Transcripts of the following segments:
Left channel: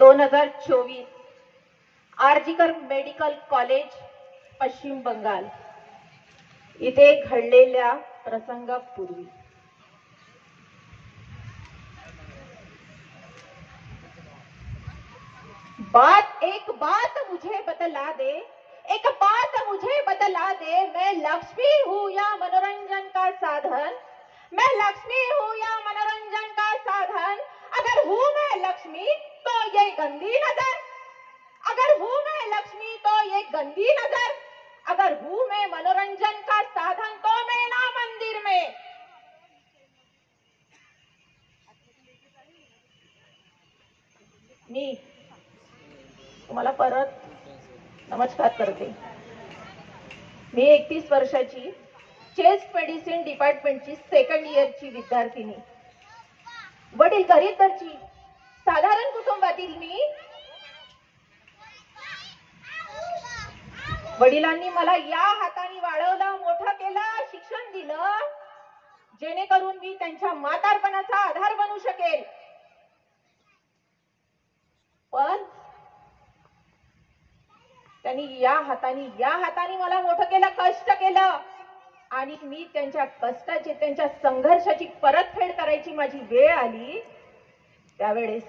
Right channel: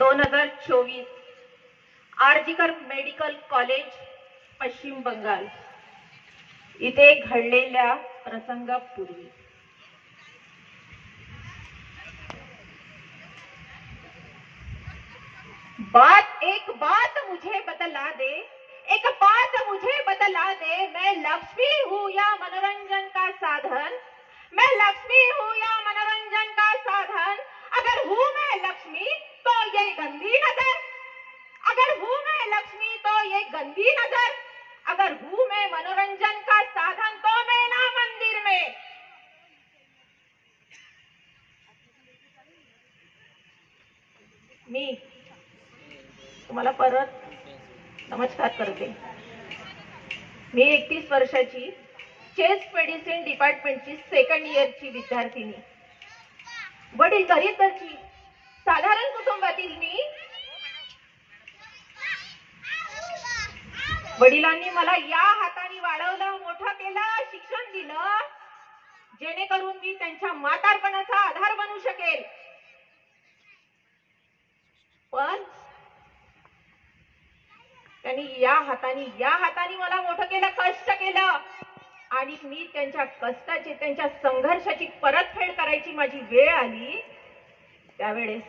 2024 RG Kar medical college पश्चिम बंगाल इथे घडलेल्या प्रसंगापूर्वी एक बात मुझे बतला दे, एक बात मुझे बतला दे, मैं लक्ष्मी हूँ या मनोरंजन का साधन, मैं लक्ष्मी हूँ या मनोरंजन का साधन। अगर हूँ मैं लक्ष्मी तो ये गंदी नजर, अगर हूँ मैं लक्ष्मी तो ये गंदी नजर, अगर हूँ मैं मनोरंजन का साधन तो मैं ना मंदिर में। मी तुम्हाला परत नमस्कार करते। मी 31 वर्षाची चेस्ट मेडिसिन डिपार्टमेंटची सेकंड इयरची विद्यार्थिनी, वडील गरीब घरची साधारण कुटुंबातील मी। वडिलांनी मला या हाताने वाढवलं, मोठं केलं, शिक्षण दिलं, जेणेकरून मी त्यांच्या म्हातारपणाचा आधार बनू शकेल। पण त्यांनी या हाताने मला मोठं केलं, कष्ट केलं, आणि मी त्यांच्या कष्टाची, त्यांच्या संघर्षाची परतफेड करायची माझी वेळ आली त्यावेळेस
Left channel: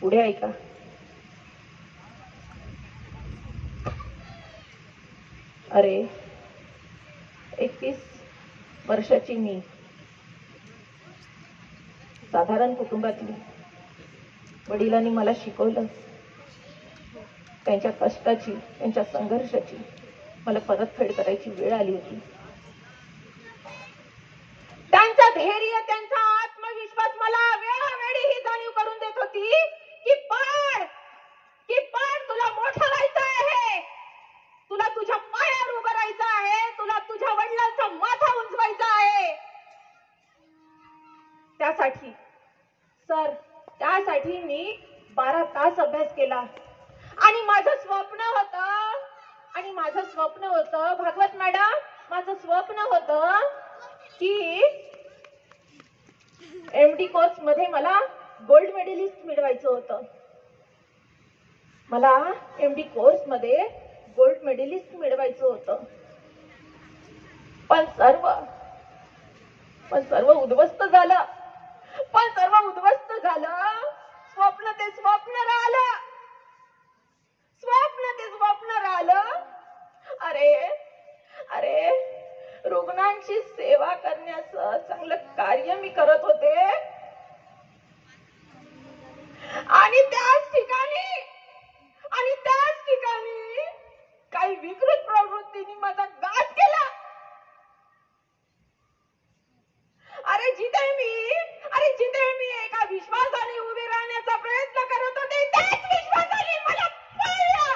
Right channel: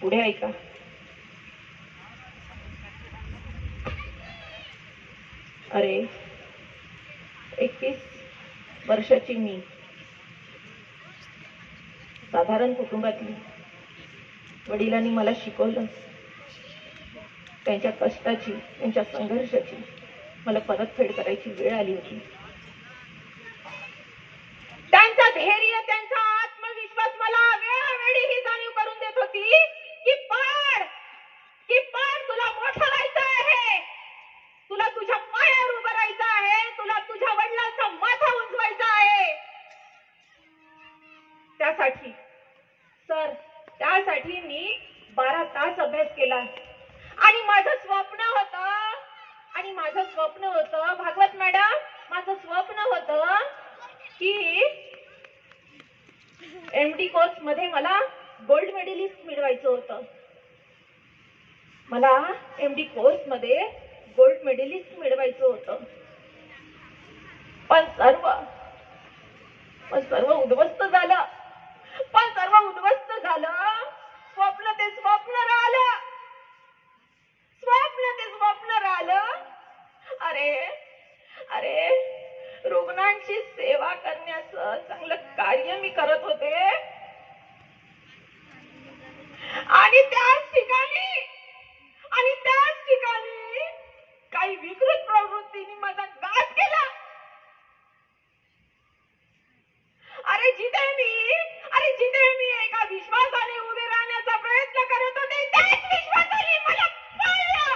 पुढे ऐका। अरे 31 वर्षाची मी, साधारण कुटुंबातली, वडिलांनी मला शिकवलं, त्यांच्या कष्टाची, त्यांच्या संघर्षाची मला परतफेड करायची वेळ आली होती। त्यांचा धैर्य, त्यांचा आत्मविश्वास मला वेळोवेळी ही जाणीव करून देत होती की पण तुला मोठं व्हायचं आहे, तुला तुझ्या पायावर उभं राहायचं आहे, तुला तुझ्या वडिलांचा माथा उंचवायचा आहे। त्यासाठी मी 12 तास अभ्यास केला, आणि माझं स्वप्न होतं भागवत मॅडम, माझं स्वप्न होतं की एमडी कोर्स मध्ये मला गोल्ड मेडलिस्ट मिळवायचं होतं, मला एमडी कोर्स मध्ये गोल्ड मेडलिस्ट मिळवायचं होतं। पण सर्व उद्ध्वस्त झालं, स्वप्न ते स्वप्न राहिलं। अरे रुग्णांची सेवा करण्याचं चांगलं कार्य मी करत होते, आणि त्याच ठिकाणी काही विकृत प्रवृत्तीने माझा घात केला। अरे जिथे मी एका विश्वासाने उभे राहण्याचा प्रयत्न करत होते, त्याच विश्वासाने मला पाळलं।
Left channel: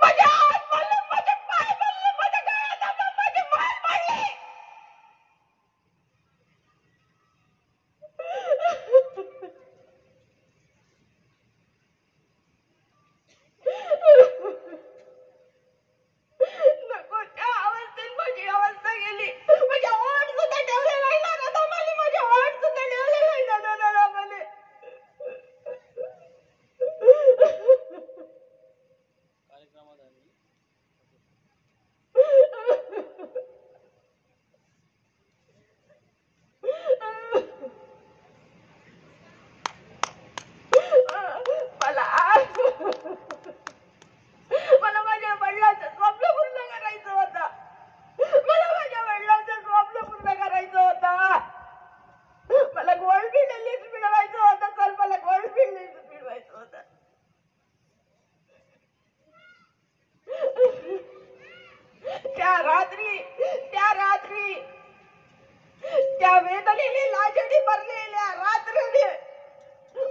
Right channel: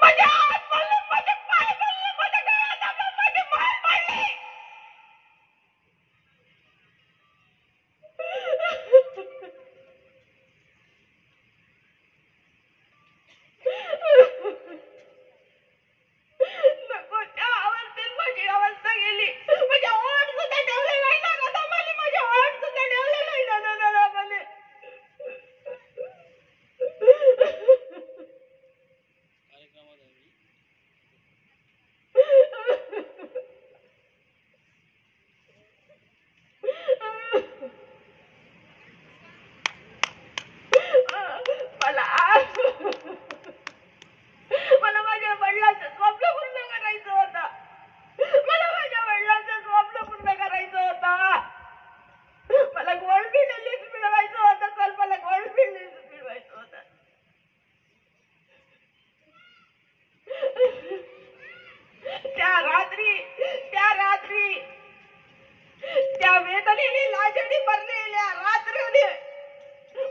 माझ्या हात पडले, माझे पाय पडले, माझ्या गळ्यात दाबलं, माझे पाय पडले। नको त्या अवस्थेत माझी अवस्था गेली, माझ्या ओठ सुद्धा ठेवले नाही ना गं, माझे ओठ सुद्धा ठेवले नाही ना मला। मला माझ्या वडिलांचं स्वप्न पूर्ण करायचं होतं, मला गोल्ड मेडलिस्ट मिळवायचं होतं, त्या रात्री त्या वेदनेने लाजडी भरलेल्या रात्रीने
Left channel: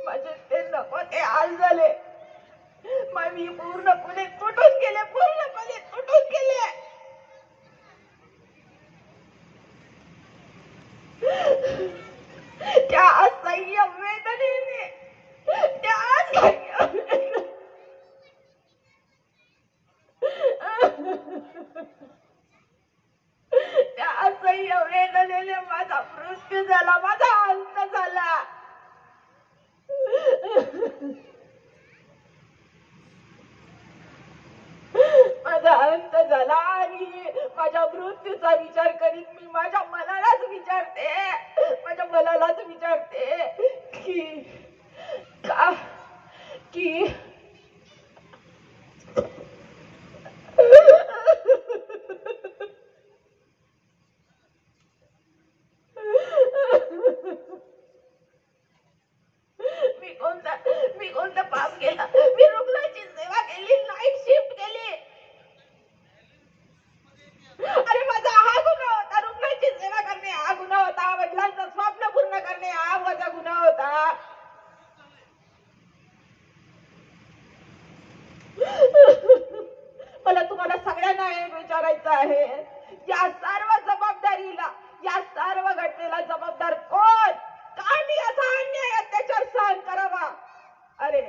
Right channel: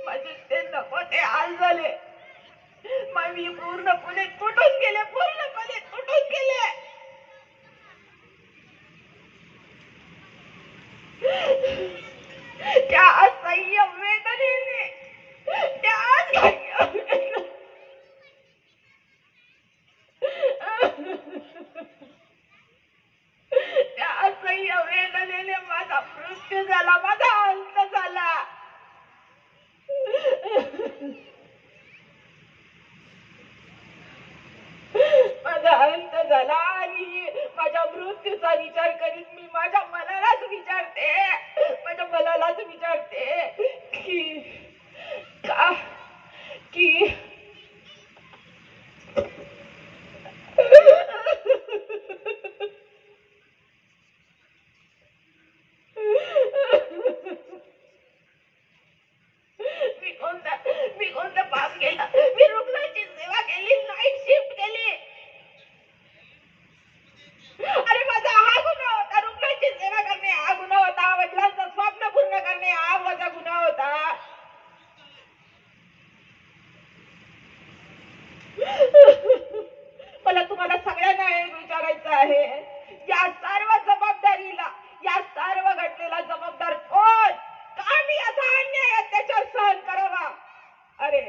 माझे ते नको ते हाल झाले, मी पूर्णपणे तुटून गेले। त्या असह्य वेदनेने माझा अंत झाला आणि माझ्या मृत्यूचा विचार करीत मी माझ्या मनालाच विचारते की का की मी कोणतं पाप केलं? मी रुग्णाची सेवा केली, नाईट शिफ्ट केली. अरे माझा हा गुन्हा होता, रुग्णाची सेवा करणे हा गुन्हा होता, वडिलांचं स्वप्न पूर्ण करणे हा माझा गुन्हा होता. मला तुम्हाला सगळ्यांना एक विचारायचं आहे, या सर्व घटनेला जबाबदार कोण? का मी असा अन्याय अत्याचार सहन करावा? अरे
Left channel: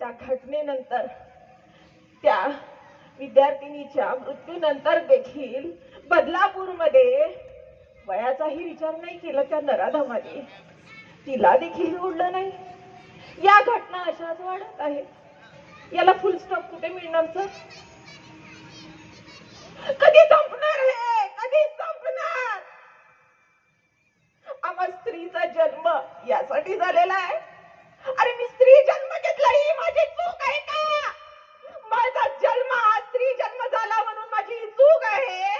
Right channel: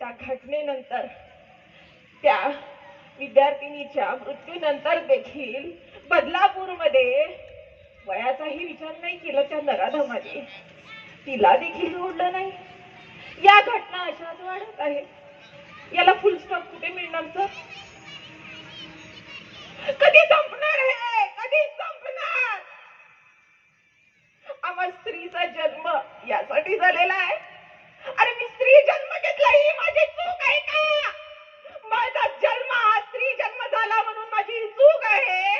त्या घटनेनंतर, त्या विद्यार्थिनीच्या मृत्यूनंतर देखील बदलापूरमध्ये वयाचाही विचार नाही केला त्या नराधमाने. तिला देखील सोडलं नाही. या घटना अशाच वाढत आहेत. याला फुल स्टॉप कुठे मिळणार सर? कधी संपणार हे? कधी संपणार? आम्हा स्त्रीचा जन्म यासाठी झालेला आहे. अरे मी स्त्री जन्म घेतला ही माझी चूक आहे का? माझा जन्म हा स्त्री जन्म झाला म्हणून माझी चूक आहे?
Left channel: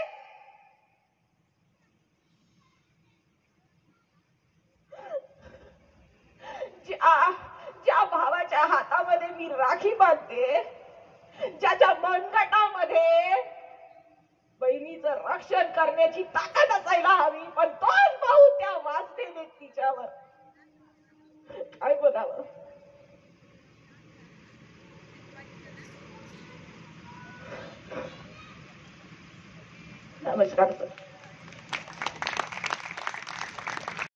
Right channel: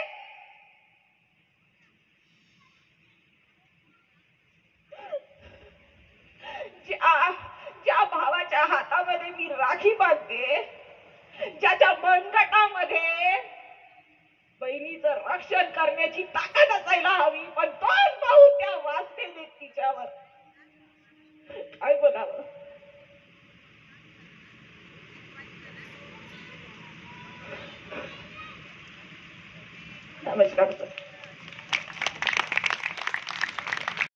ज्या भावाच्या हातामध्ये मी राखी बांधते, ज्याच्या मनगटामध्ये बहिणीचं रक्षण करण्याची ताकद असायला हवी, पण तोच भाऊ त्या वाचते तिच्यावर, काय बोलावं? नमस्कार सर.